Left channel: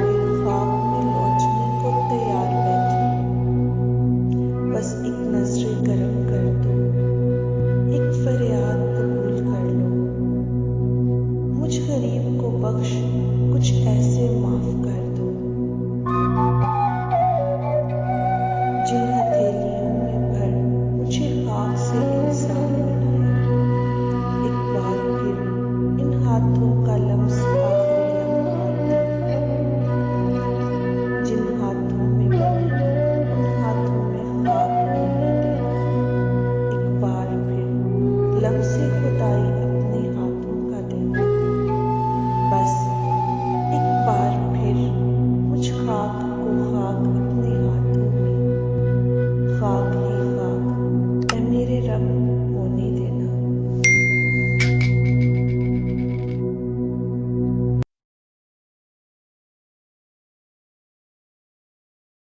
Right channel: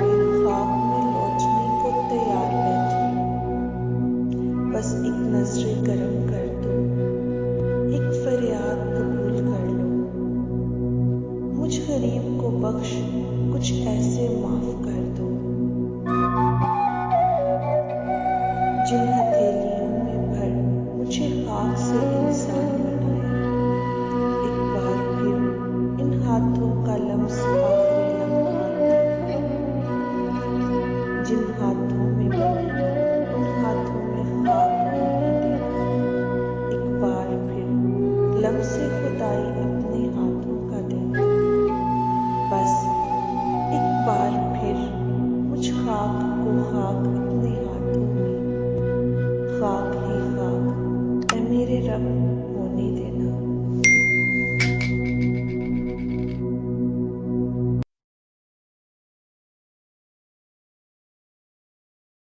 फिर खाक में लौटने को तैयार बैठी। बस एक नजरें करम कर दो, एक फरियाद कबूल कर लो। मुझ गरीब को बख्श, कुछ ऐसे माफ कर दो। जिन हथेलियों में भर मुझे खाक से इंसान बनाया, एक बार फिर इन हाथों का लम्स आखिरी लम्हात देना। जिन हाथों में बनी उन हाथों में खाक होने देना। एक बार फिर लम्से खुदाई अपने हाथों का देना। बस एक बार